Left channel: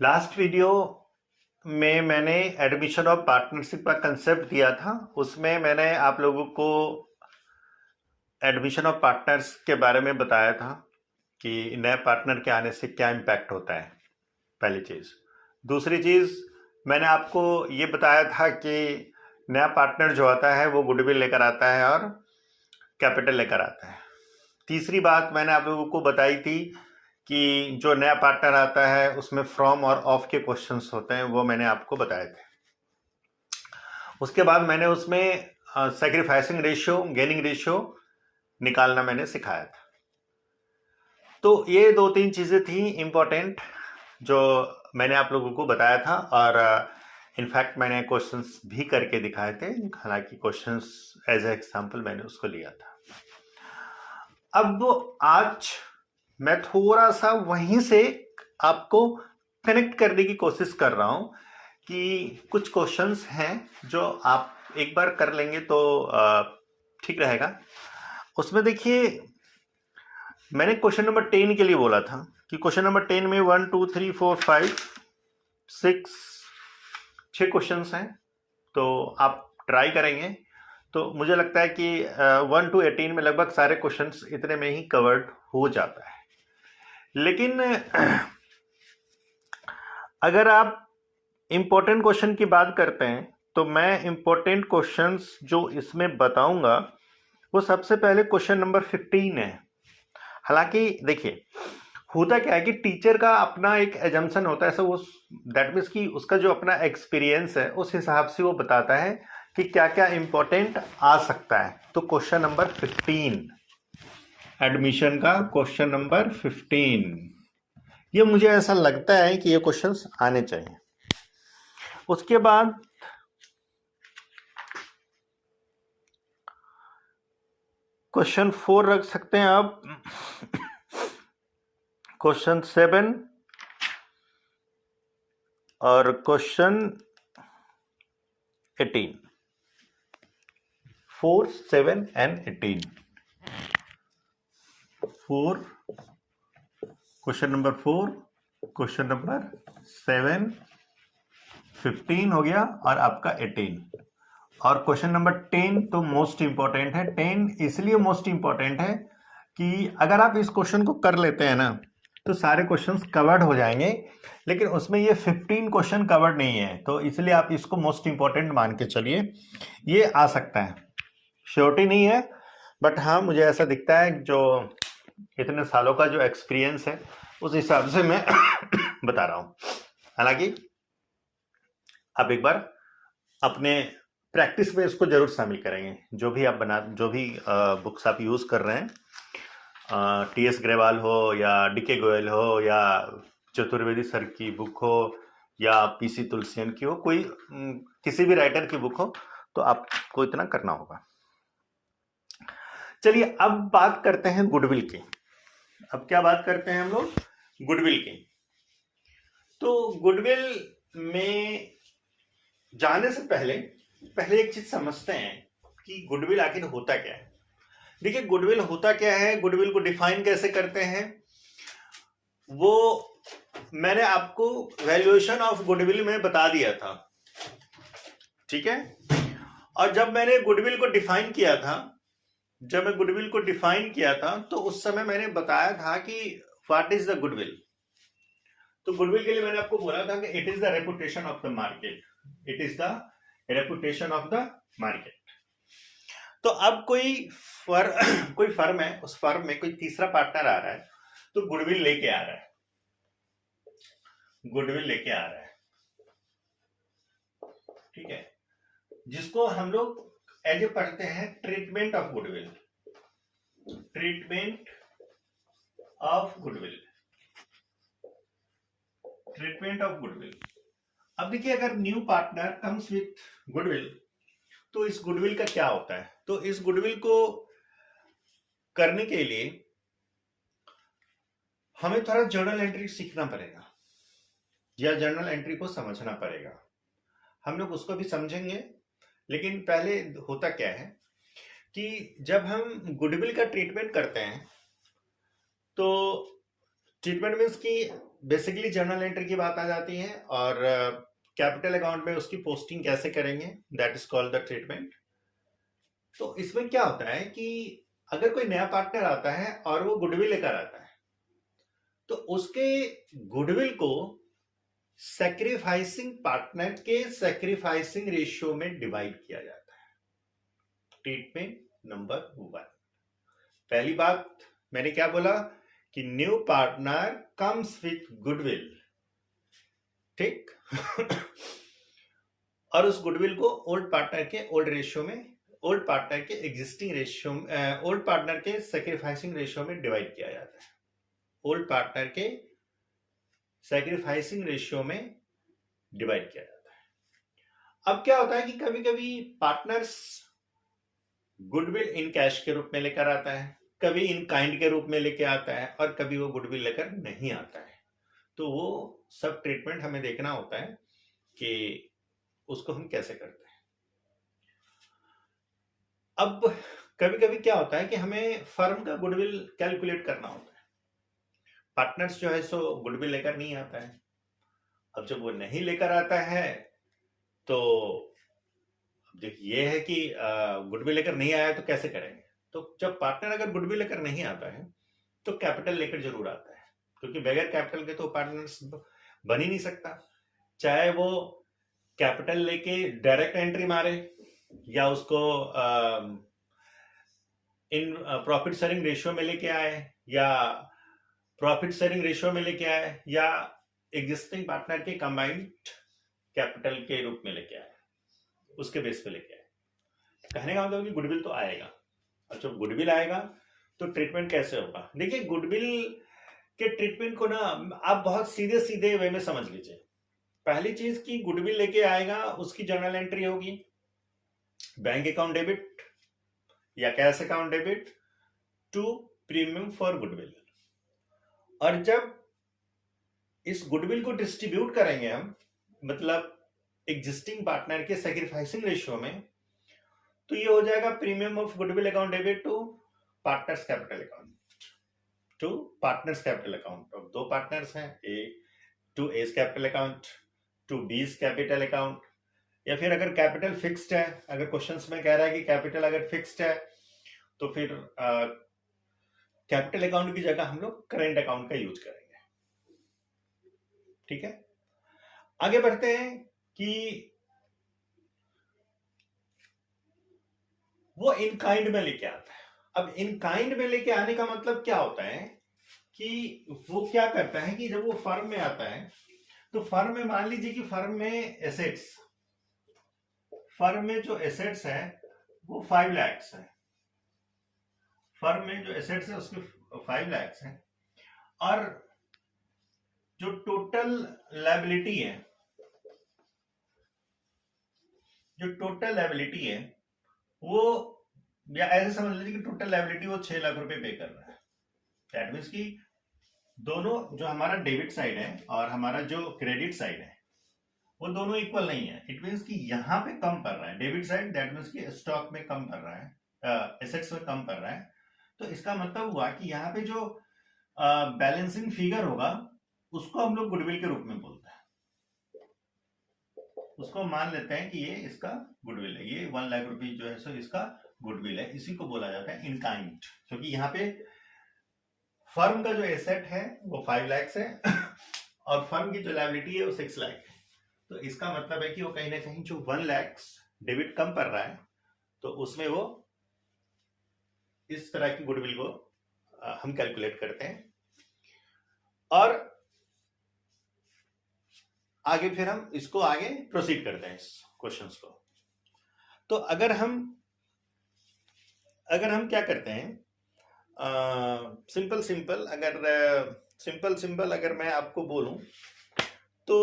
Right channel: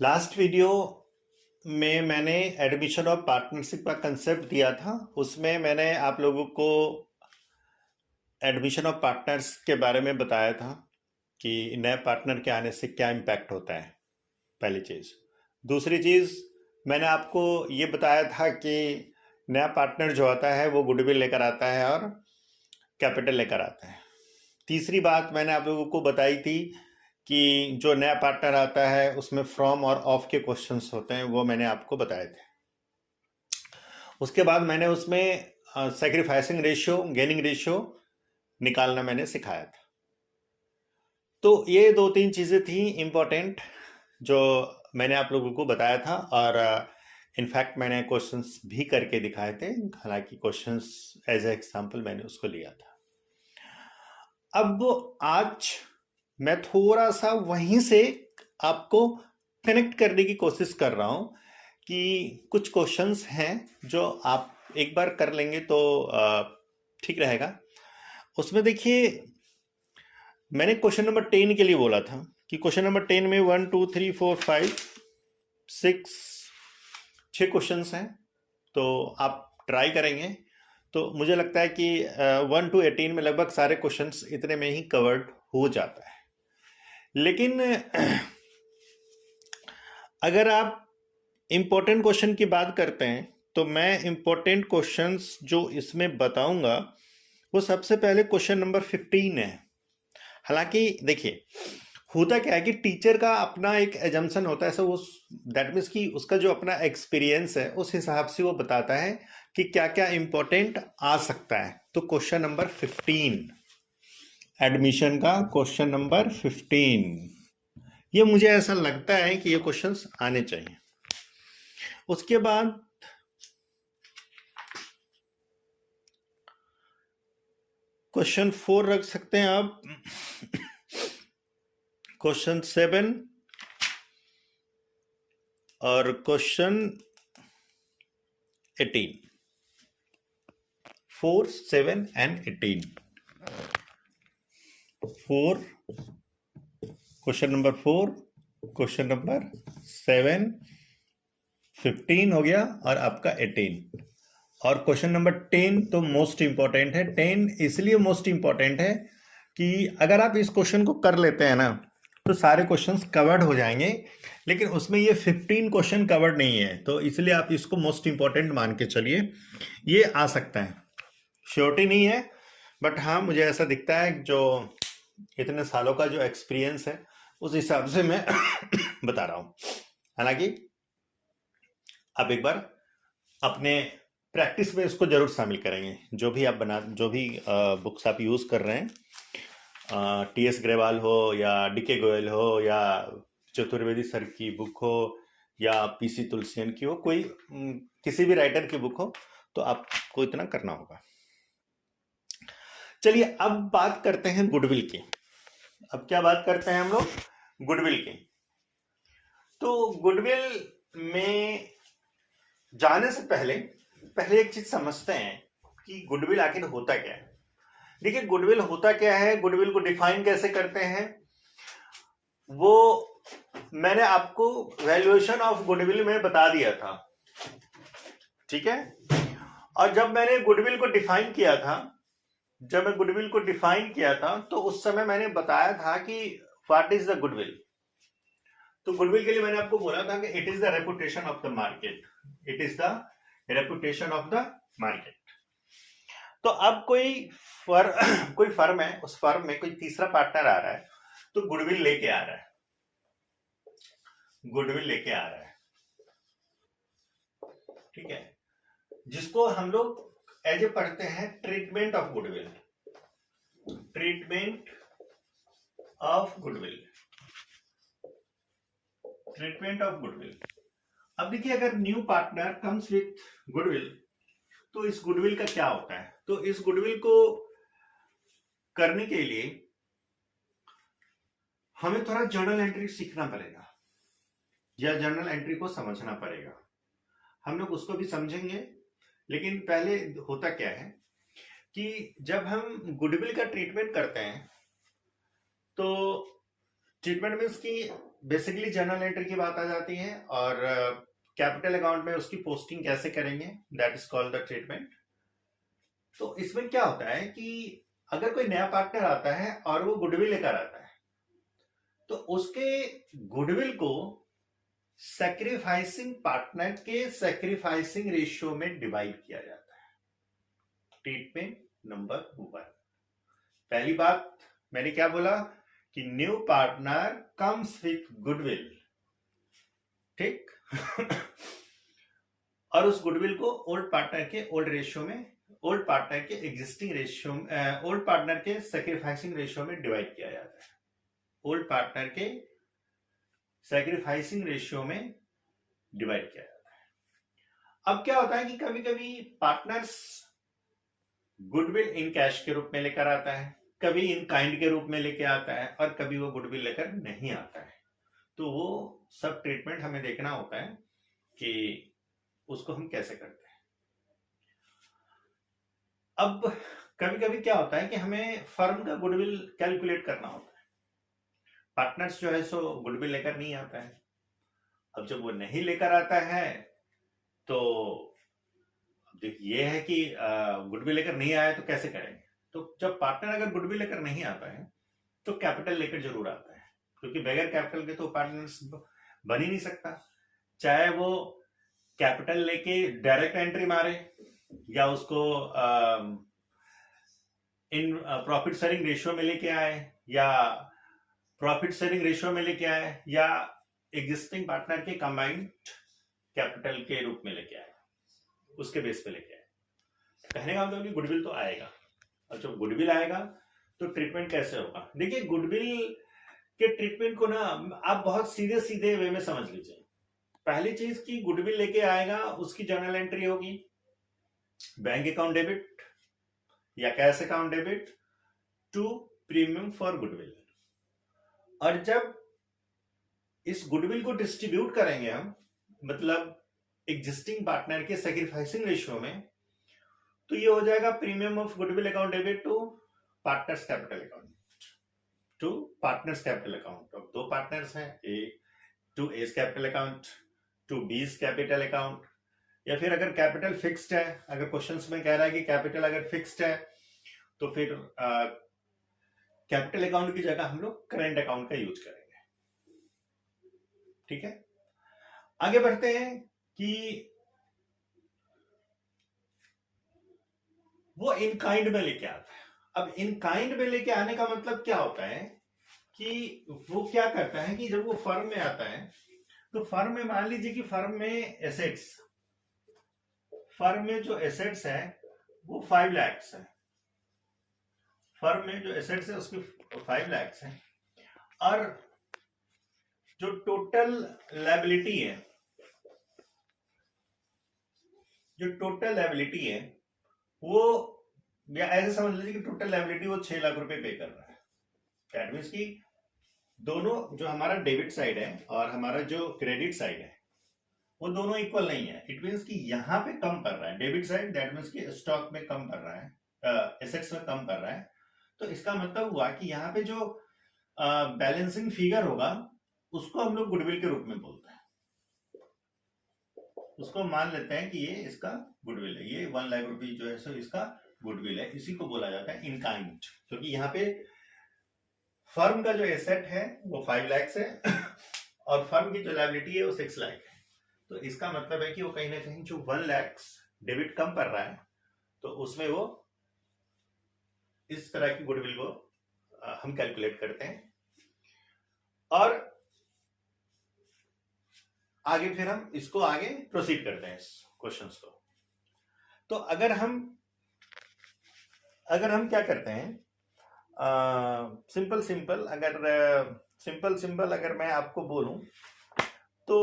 Last video में मैंने admission of partnership का कंसेप्ट दिया था। उसमें मैंने आप लोगों को एडमिशन ऑफ पार्टनर्स के बारे में बताया था कि नए पार्टनर के आने से क्या इम्पैक्ट होता है, पहली चीज़। दूसरी चीज़, मैंने आपको ये बताया था कि नया पार्टनर जो आता है वो गुडविल लेकर आता है और कैपिटल लेकर आता है। तीसरी बात मैंने आप लोगों को बताई थी कि जो नया पार्टनर आता है उसमें फ्रॉम और ऑफ के क्वेश्चंस होते हैं, वो मैंने आपको बताए थे। उसके बाद मैंने उसमें सैक्रिफाइसिंग रेशियो, गेनिंग रेशियो निकालना मैंने सिखाया था। तो ये 2-3 चीज़ें थी इम्पोर्टेंट जो मैंने आप लोगों को बताया था, और इनफैक्ट मैंने क्वेश्चंस भी करके दिखाए थे। हालांकि क्वेश्चंस एज ए एग्जाम्पल मैंने उसको लिया था। अब आज मैं थोड़ा सा वहीं से आपको कनेक्ट करने की कोशिश कर रहा हूं कि कुछ क्वेश्चंस हैं जो आप एक बार कर लेंगे तो ठीक रहेगा। उसमें देखिए, मैंने क्वेश्चन नंबर 10 के लिए बोला था कि क्वेश्चन नंबर 10 में 1 2 3 4 5 6 क्वेश्चंस हैं, तो आप ट्राई करेंगे तो मुझे लगता है कि 1 to 18 में लगभग सारे क्वेश्चंस इतने में ही कवर्ड हो जाता है। लेकिन अगर आप इम्पोर्टेंट क्वेश्चन की बात करते हैं तो मैं इम्पोर्टेंट क्वेश्चंस जो इसमें बताऊंगा वो सबसे पहले क्वेश्चन नंबर 15 है। हालांकि देखिए, होता क्या है कि टीचर का अपना एक एजम्पशन होता है, ऐसा वो दैट मीन्स कि उसका जो अपना एक्सपीरियंस है उस हिसाब से वो बताता है कि क्या क्या इम्पोर्टेंट आ सकता है। तो क्वेश्चन नंबर 15, एडमिशन का क्वेश्चन नंबर 15, ये मुझे ऐसा लगता है कि ये क्वेश्चंस आने चाहिए। उसके बाद क्वेश्चन 4 रख सकते हैं आप, क्वेश्चन 7 और question 18, 4 7 and 18। 4 question number 4, question number 7, 15 हो गया और आपका 18, और क्वेश्चन नंबर 10 तो मोस्ट इंपॉर्टेंट है। 10 इसलिए मोस्ट इंपॉर्टेंट है कि अगर आप इस क्वेश्चन को कर लेते हैं ना तो सारे क्वेश्चंस कवर्ड हो जाएंगे, लेकिन उसमें ये 15 क्वेश्चन कवर्ड नहीं है, तो इसलिए आप इसको मोस्ट इंपॉर्टेंट मान के चलिए। ये आ सकता है, श्योरिटी नहीं है, बट हाँ मुझे ऐसा दिखता है, जो इतने सालों का जो एक्सपीरियंस है उस हिसाब से मैं बता रहा हूँ। हालांकि आप एक बार अपने प्रैक्टिस में इसको जरूर शामिल करेंगे। जो भी बुक्स आप यूज़ कर रहे हैं, टी.एस. ग्रेवाल हो या डी.के. गोयल हो या चतुर्वेदी सर की बुक हो या पी.सी. तुलसियन की हो, कोई किसी भी राइटर की बुक हो, तो आपको इतना करना होगा। चलिए अब बात करते हैं गुडविल की। अब क्या बात करते हैं हम लोग? गुडविल की। तो गुडविल में जाने से पहले एक चीज समझते हैं कि गुडविल आखिर होता क्या है। देखिए, गुडविल होता क्या है, गुडविल को डिफाइन कैसे करते हैं, वो मैंने आपको वैल्यूएशन ऑफ गुडविल में बता दिया था, ठीक है। और जब मैंने गुडविल को डिफाइन किया था, तो उस समय मैंने बताया था कि व्हाट इज द गुडविल। तो गुडविल के लिए मैंने आपको बोला था कि it is the reputation of the market, it is the reputation of the market. तो अब कोई फर्म है, उस फर्म में कोई तीसरा पार्टनर आ रहा है, तो गुडविल लेके आ रहा है, ठीक है, जिसको हम लोग एज ए पढ़ते हैं ट्रीटमेंट ऑफ गुडविल। अब देखिए, अगर new partner comes with goodwill, तो इस गुडविल का क्या होता है? तो इस गुडविल को करने के लिए हमें थोड़ा जर्नल एंट्री सीखना पड़ेगा या जर्नल एंट्री को समझना पड़ेगा। हम लोग उसको भी समझेंगे, लेकिन पहले होता क्या है कि जब हम गुडविल का ट्रीटमेंट करते हैं, तो ट्रीटमेंट मीन्स कि बेसिकली जर्नल एंट्री की बात आ जाती है और कैपिटल अकाउंट में उसकी पोस्टिंग कैसे करेंगे, that is called the treatment. तो इसमें क्या होता है कि अगर कोई नया पार्टनर आता है और वो गुडविल लेकर आता है, तो उसके गुडविल को सैक्रिफाइसिंग पार्टनर के सैक्रिफाइसिंग रेशियो में डिवाइड किया जाता है। Treatment number 1। पहली बात मैंने क्या बोला कि new partner comes with goodwill, ठीक। और उस गुडविल को ओल्ड पार्टनर के ओल्ड रेशियो में, ओल्ड पार्टनर के एग्जिस्टिंग रेशियो, ओल्ड पार्टनर के सैक्रिफाइसिंग रेशियो में डिवाइड किया जाता है। ओल्ड पार्टनर के सैक्रिफाइसिंग रेशियो में डिवाइड किया जाता है। अब क्या होता है कि कभी कभी पार्टनर्स गुडविल इन कैश के रूप में लेकर आता है, कभी इन काइंड के रूप में लेके आता है, और कभी वो गुडविल लेकर नहीं आता है। तो वो सब ट्रीटमेंट हमें देखना होता है कि उसको हम कैसे करते हैं। अब कभी कभी क्या होता है कि हमें फर्म का गुडविल कैलकुलेट करना होता है। पार्टनर्स जो है सो गुडविल लेकर नहीं आता है। अब जब वो नहीं लेकर आता है तो ये है कि गुडविल लेकर नहीं आया तो कैसे करेंगे। तो जब पार्टनर अगर गुडविल लेकर नहीं आता है तो कैपिटल लेकर जरूर आता है, क्योंकि बगैर कैपिटल के तो पार्टनर्स बन ही नहीं सकता। चाहे वो कैपिटल लेके डायरेक्ट एंट्री मारे या उसको इन प्रॉफिट शेयरिंग रेशियो में लेके आए या प्रॉफिट शेयरिंग रेशियो में लेके आए या एग्जिस्टिंग पार्टनर के कंबाइंड कैपिटल के रूप में लेके आए, उसके बेस पे लेके आए। कहने का मतलब कि गुडविल तो आएगा, और जब गुडविल आएगा तो ट्रीटमेंट कैसे होगा। देखिए गुडविल के ट्रीटमेंट को ना आप बहुत सीधे सीधे वे में समझ लीजिए। पहली चीज की गुडविल लेके आएगा, उसकी जर्नल एंट्री होगी बैंक अकाउंट डेबिट या cash account debit to premium for goodwill. और जब इस गुडविल को डिस्ट्रीब्यूट करेंगे हम, मतलब एग्जिस्टिंग पार्टनर के सैक्रिफाइसिंग रेशियो में, तो ये हो जाएगा premium of goodwill account debit to partners capital account, to partners capital account. अब दो पार्टनर्स हैं, A to A's capital account to B's capital account, या फिर अगर कैपिटल फिक्स्ड है, अगर क्वेश्चंस में कह रहा है कि कैपिटल अगर फिक्स्ड है तो फिर कैपिटल अकाउंट की जगह हम लोग करेंट अकाउंट का यूज करेंगे। ठीक है, आगे बढ़ते हैं कि वो इन काइंड में लेके आता है। अब इन काइंड में लेके आने का मतलब क्या होता है कि वो क्या करता है कि जब वो फर्म में आता है तो फर्म में मान लीजिए कि फर्म में एसेट्स, फर्म में जो एसेट्स है वो 5 लाख है, फर्म में जो एसेट्स है उसके 5 लाख है, और जो टोटल लायबिलिटी है, जो टोटल लायबिलिटी है वो, या ऐसे समझ लीजिए कि टोटल लायबिलिटी वो 6 लाख रुपए पे कर रहा है। दैट मीन्स कि दोनों जो हमारा डेबिट साइड है और हमारा जो क्रेडिट साइड है वो दोनों इक्वल नहीं है। इट मीन्स कि यहाँ पे कम कर रहा है डेबिट साइड, दैट मीन्स कि स्टॉक में कम कर रहा है, एसेट्स में कम कर रहा है। तो इसका मतलब हुआ कि यहाँ पे जो बैलेंसिंग फिगर होगा उसको हम लोग गुडविल के रूप में बोलते हैं। उसको मान लेते हैं कि ये इसका गुडविल है, ये 1 लाख रुपए जो है सो इसका गुडविल है, इसी को बोला जाता है इन काइंड। क्योंकि यहाँ पे फर्म का जो एसेट है वो 5 लाख है और फर्म की जो लायबिलिटी है वो 6 लाख है। तो इसका मतलब है कि वो कहीं ना कहीं जो 1 लाख डेबिट कम कर रहा है तो उसमें वो इस तरह की गुडविल को हम कैलकुलेट करते हैं। और आगे फिर हम इसको आगे प्रोसीड करते हैं इस क्वेश्चंस को। तो अगर हम क्या करते हैं, सिंपल अगर मैं आपको बोलूं तो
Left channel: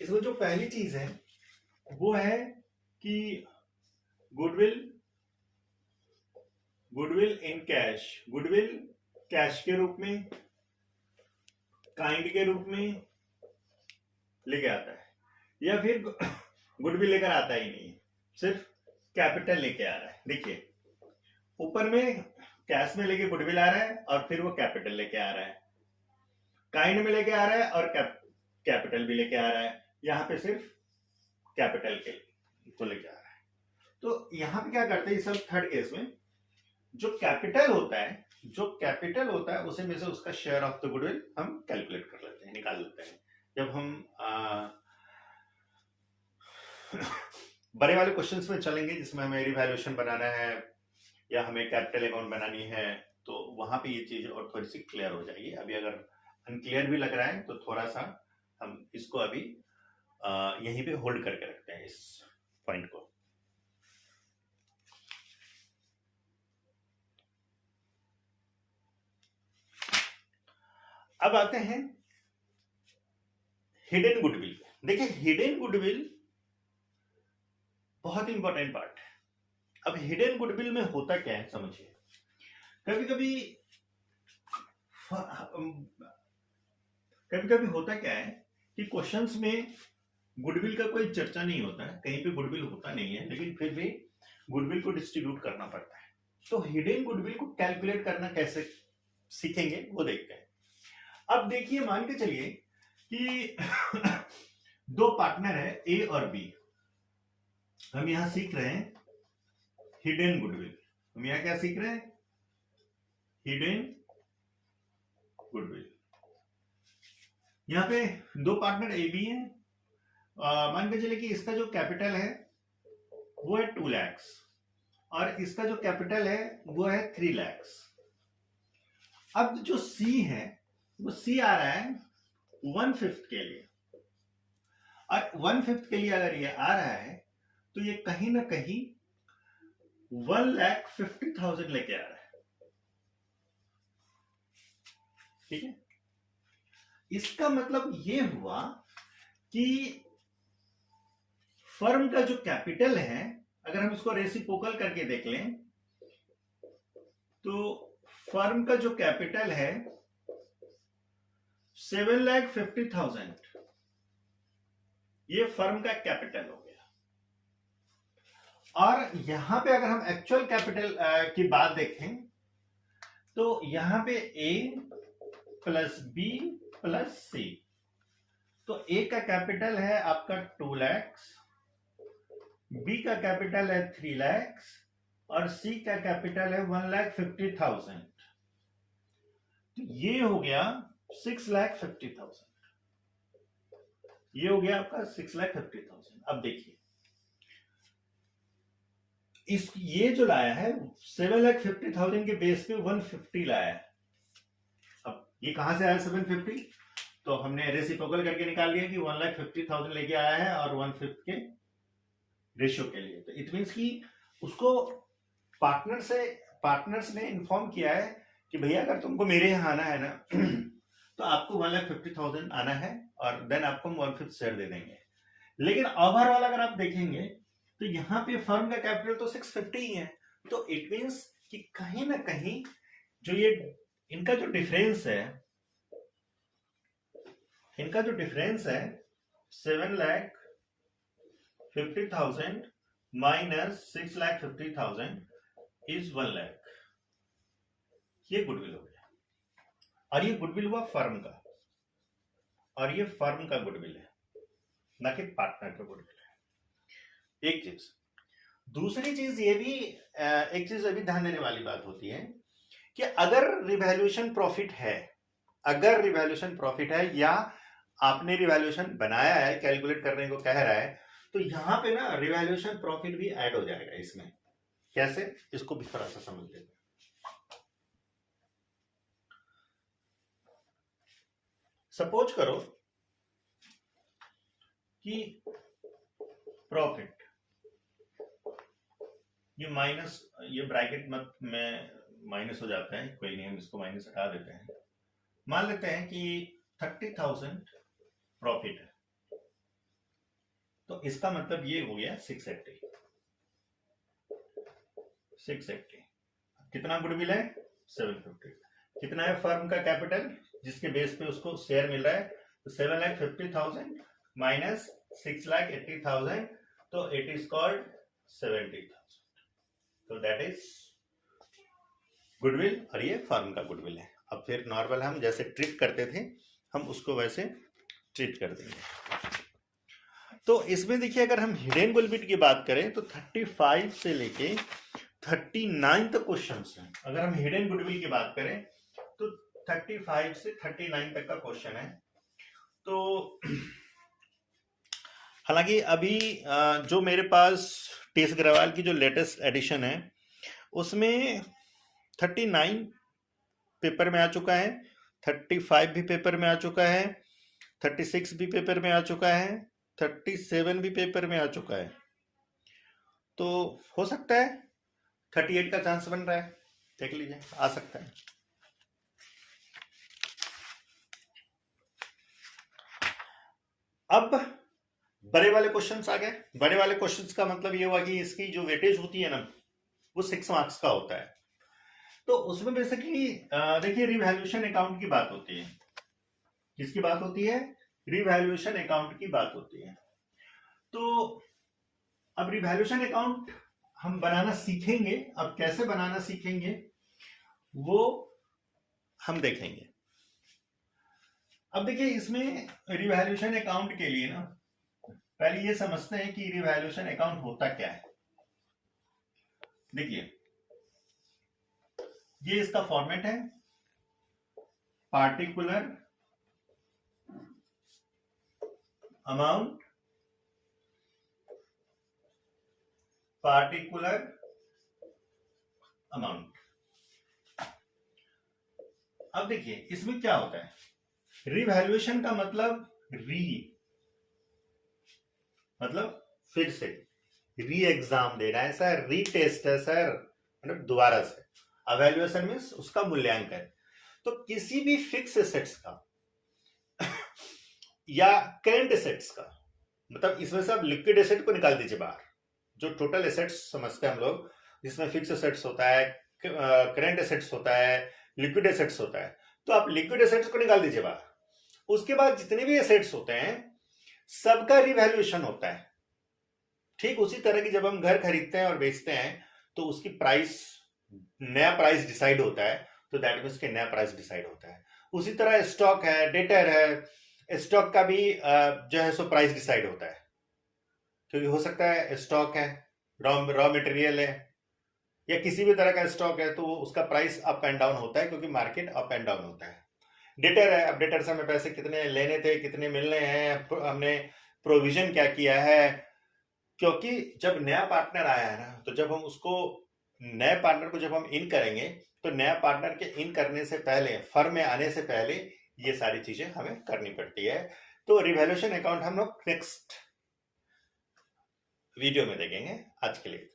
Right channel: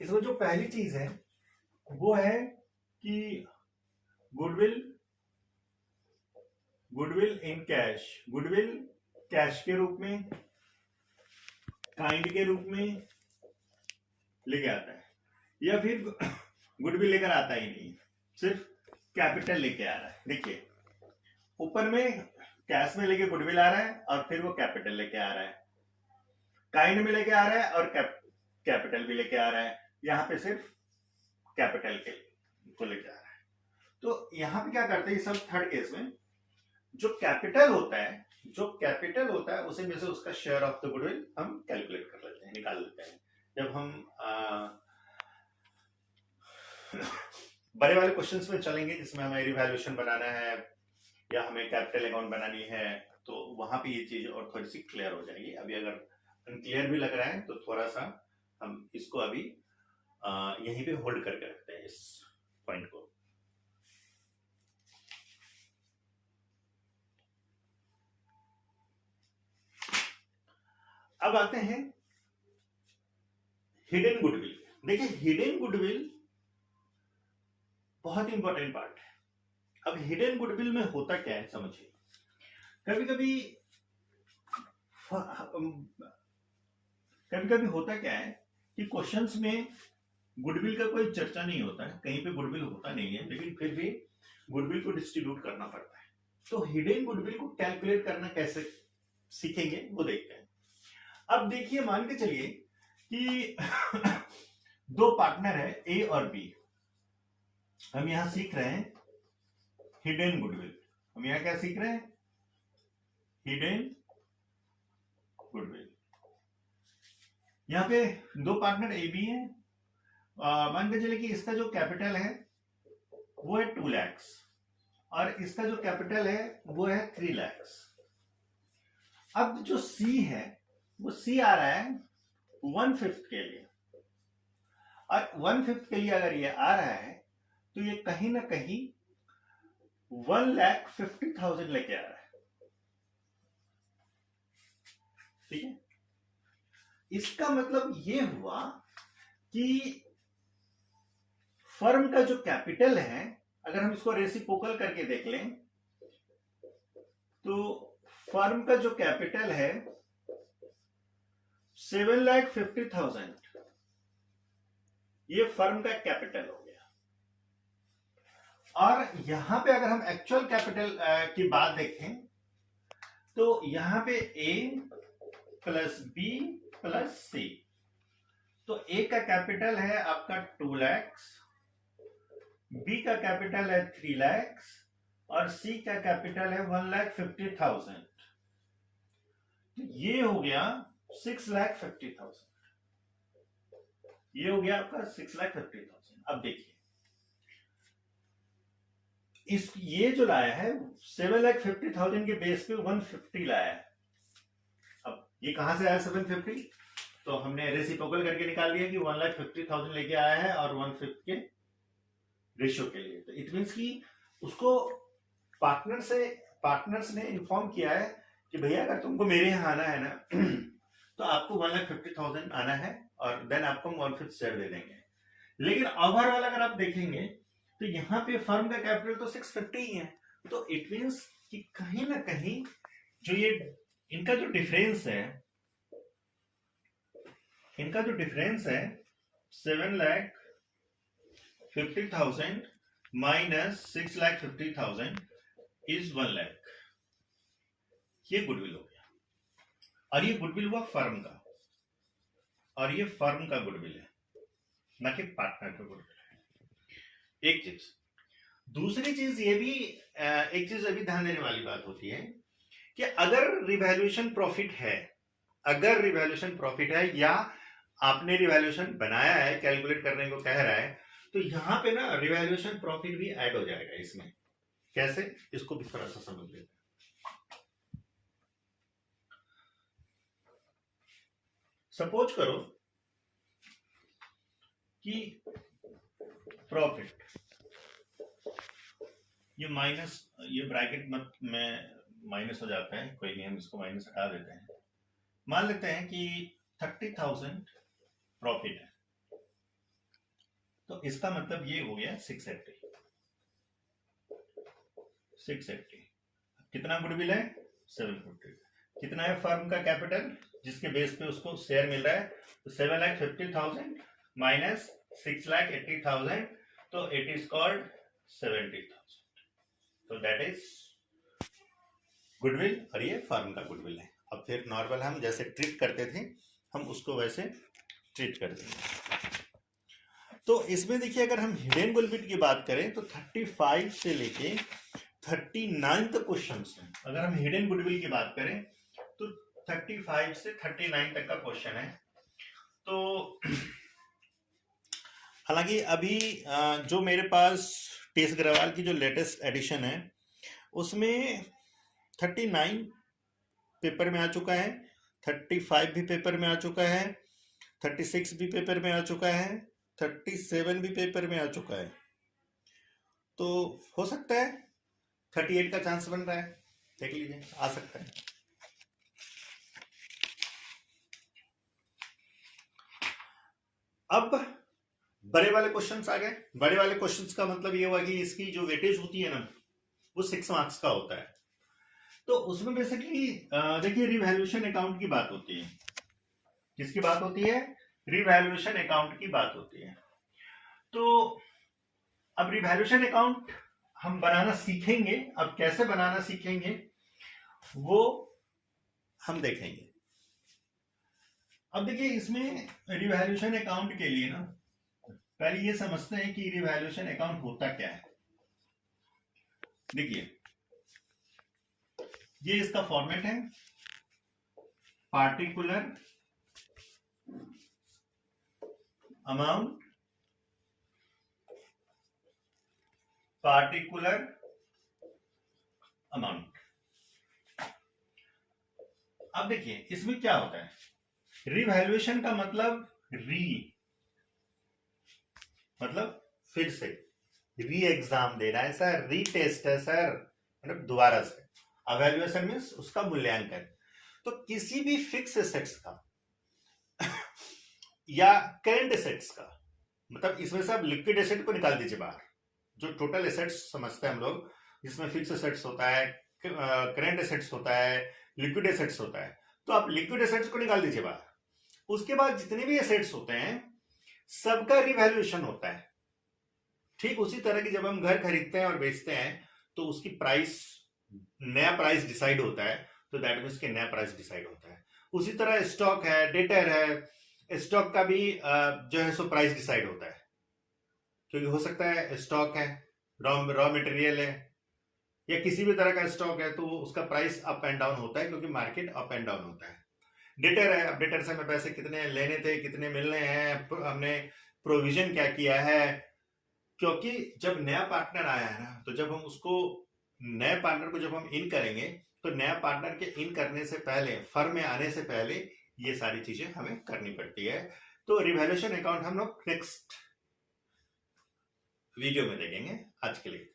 इसमें जो पहली चीज है वो है कि goodwill in cash, goodwill cash के रूप में, काइंड के रूप में लेके आता है, या फिर गुडविल लेकर आता ही नहीं, सिर्फ कैपिटल लेके आ रहा है। देखिए ऊपर में कैश में लेके गुडविल आ रहा है और फिर वो कैपिटल लेके आ रहा है, काइंड में लेके आ रहा है और कैपिटल भी लेके आ रहा है, यहाँ पे सिर्फ कैपिटल के को लेके आ रहा है। तो यहाँ पे क्या करते हैं सब थर्ड केस में, जो कैपिटल होता है उसी में से उसका शेयर ऑफ द गुडविल हम कैलकुलेट कर लेते हैं, निकाल लेते हैं। जब हम बड़े वाले क्वेश्चंस में चलेंगे जिसमें हमें रिवैल्यूएशन बनाना है या हमें कैपिटल अकाउंट बनानी है, तो वहां पे ये चीज और थोड़ी सी क्लियर हो जाएगी। अभी अगर अनक्लियर भी लग रहा है तो थोड़ा सा हम इसको अभी यहीं पे होल्ड करके रखते हैं इस पॉइंट को। अब आते हैं हिडन गुडविल। देखिए हिडन गुडविल बहुत इंपॉर्टेंट पार्ट है। अब हिडन गुडविल में होता क्या है समझिए, कभी कभी होता क्या है कि क्वेश्चंस में गुडविल का कोई चर्चा नहीं होता है, कहीं पे गुडविल होता नहीं है, लेकिन फिर भी गुडविल को डिस्ट्रीब्यूट करना पड़ता है। तो हिडन गुडविल को कैलकुलेट करना कैसे सीखेंगे वो देखते हैं। अब देखिए मान के चलिए कि दो पार्टनर है ए और बी, हम यहां सीख रहे हैं हिडन गुडविल। हम यहां क्या सीख रहे हैं, हिडन गुडविल। यहां पे दो पार्टनर ए बी है, मान के चलिए कि इसका जो कैपिटल है वो है 2 लाख और इसका जो कैपिटल है वो है 3 लाख। अब जो सी है वो सी आ रहा है 1/5 के लिए, और 1/5 के लिए अगर ये आ रहा है तो ये कहीं ना कहीं 1,50,000 लेके आ रहा है। ठीक है, इसका मतलब ये हुआ कि फर्म का जो कैपिटल है, अगर हम इसको रेसिप्रोकल करके देख लें तो फर्म का जो कैपिटल है 7,50,000, ये फर्म का कैपिटल हो गया। और यहां पे अगर हम एक्चुअल कैपिटल की बात देखें तो यहां पे ए प्लस बी प्लस सी, तो ए का कैपिटल है आपका 2 लाख, बी का कैपिटल है 3 लाख और सी का कैपिटल है 1,50,000। तो ये हो गया 6,50,000, ये हो गया आपका 6,50,000। अब देखिए इस ये जो लाया है 7,50,000 के बेस पे 150 लाया है। अब ये कहां से आया 750, तो हमने रेसिप्रोकल करके निकाल लिया कि 1,50,000 लेके आया है और 1/5 के रेशियो के लिए। तो इट मीन्स कि उसको पार्टनर्स ने इन्फॉर्म किया है कि भैया अगर तुमको मेरे यहाँ आना है ना तो आपको 1,50,000 आना है और देन आपको हम 1/5 शेयर दे देंगे। लेकिन ओवरऑल अगर आप देखेंगे तो यहाँ पे फर्म का कैपिटल तो 650 ही है, तो इट मीन्स कि कहीं ना कहीं जो ये इनका जो डिफरेंस है 7,50,000 माइनस 6,50,000 इज 1 लाख, ये गुडविल हो गया। और ये गुडविल हुआ फर्म का, और ये फर्म का गुडविल है ना कि पार्टनर का गुडविल है। एक चीज, दूसरी चीज ये भी एक चीज अभी ध्यान देने वाली बात होती है कि अगर रिवैल्यूएशन प्रॉफिट है या आपने रिवैल्यूएशन बनाया है, कैलकुलेट करने को कह रहा है, तो यहां पे ना रिवैल्यूएशन प्रॉफिट भी ऐड हो जाएगा इसमें। कैसे, इसको भी थोड़ा सा समझ लेते हैं। सपोज करो कि प्रॉफिट, ये माइनस, ये ब्रैकेट में माइनस हो जाता है, कोई नहीं, हम इसको माइनस हटा देते हैं। मान लेते हैं कि 30,000 प्रॉफिट है, तो इसका मतलब ये हो गया 680। कितना गुडविल है 750। कितना है फर्म का कैपिटल जिसके बेस पे उसको शेयर मिल रहा है, तो 7,50,000 माइनस 6,80,000, तो इट इज कॉल्ड 70,000। तो दैट इज गुडविल और ये फर्म का गुडविल है। अब फिर नॉर्मल हम जैसे ट्रीट करते थे हम उसको वैसे ट्रीट कर देंगे। तो इसमें देखिए अगर हम हिडन गुडविल की बात करें तो 35 से लेके 39 तक क्वेश्चंस हैं। अगर हम हिडन गुडविल की बात करें तो 35 से 39 तक का क्वेश्चन है। तो हालांकि अभी जो मेरे पास टीएस अग्रवाल की जो लेटेस्ट एडिशन है उसमें 39 पेपर में आ चुका है, 35 भी पेपर में आ चुका है, 36 भी पेपर में आ चुका है, 37 भी पेपर में आ चुका है। तो हो सकता है 38 का चांस बन रहा है, देख लीजिए, आ सकता है। अब बड़े वाले क्वेश्चंस आ गए। बड़े वाले क्वेश्चंस का मतलब ये हुआ कि इसकी जो वेटेज होती है ना वो 6 मार्क्स का होता है। तो उसमें बेसिकली देखिए रिवैल्यूएशन अकाउंट की बात होती है। किसकी बात होती है? रिवैल्यूएशन अकाउंट की बात होती है। तो अब रिवैल्यूएशन अकाउंट हम बनाना सीखेंगे। अब कैसे बनाना सीखेंगे वो हम देखेंगे। अब देखिए इसमें रिवैल्यूएशन अकाउंट के लिए ना पहले ये समझते हैं कि रिवैल्यूएशन अकाउंट होता क्या है। देखिए ये इसका फॉर्मेट है, पार्टिकुलर अमाउंट, पार्टिकुलर अमाउंट। अब देखिए इसमें क्या होता है, रिवैल्यूएशन का मतलब मतलब फिर से री एग्जाम देना है सर, री टेस्ट है सर, मतलब दोबारा से। अवैल्यूएशन मीन्स उसका मूल्यांकन। तो किसी भी फिक्स एसेट्स का या करेंट एसेट्स का, मतलब इसमें से आप लिक्विड एसेट को निकाल दीजिए बाहर। जो टोटल एसेट्स समझते हैं हम लोग, जिसमें फिक्स एसेट्स होता है, करेंट एसेट्स होता है, लिक्विड एसेट्स होता है, तो आप लिक्विड एसेट्स को निकाल दीजिए बाहर। उसके बाद जितने भी एसेट्स होते हैं सबका रिवैल्यूएशन होता है। ठीक उसी तरह की जब हम घर खरीदते हैं और बेचते हैं तो उसकी प्राइस, नया प्राइस डिसाइड होता है, तो दैट मीन्स के नया प्राइस डिसाइड होता है। उसी तरह स्टॉक है, डेटर है, स्टॉक का भी जो है सो प्राइस डिसाइड होता है। क्योंकि हो सकता है स्टॉक है, रॉ मटेरियल है, या किसी भी तरह का स्टॉक है तो उसका प्राइस अप एंड डाउन होता है, क्योंकि मार्केट अप एंड डाउन होता है। डेटर है, अब डेटर से हमें पैसे कितने लेने थे, कितने मिलने हैं, हमने प्रोविजन क्या किया है। क्योंकि जब नया पार्टनर आया है ना, तो जब हम उसको, नए पार्टनर को जब हम इन करेंगे तो नया पार्टनर के इन करने से पहले, फर्म में आने से पहले ये सारी चीजें हमें करनी पड़ती है। तो रिवैल्यूएशन अकाउंट हम लोग नेक्स्ट वीडियो में देखेंगे। आज के लिए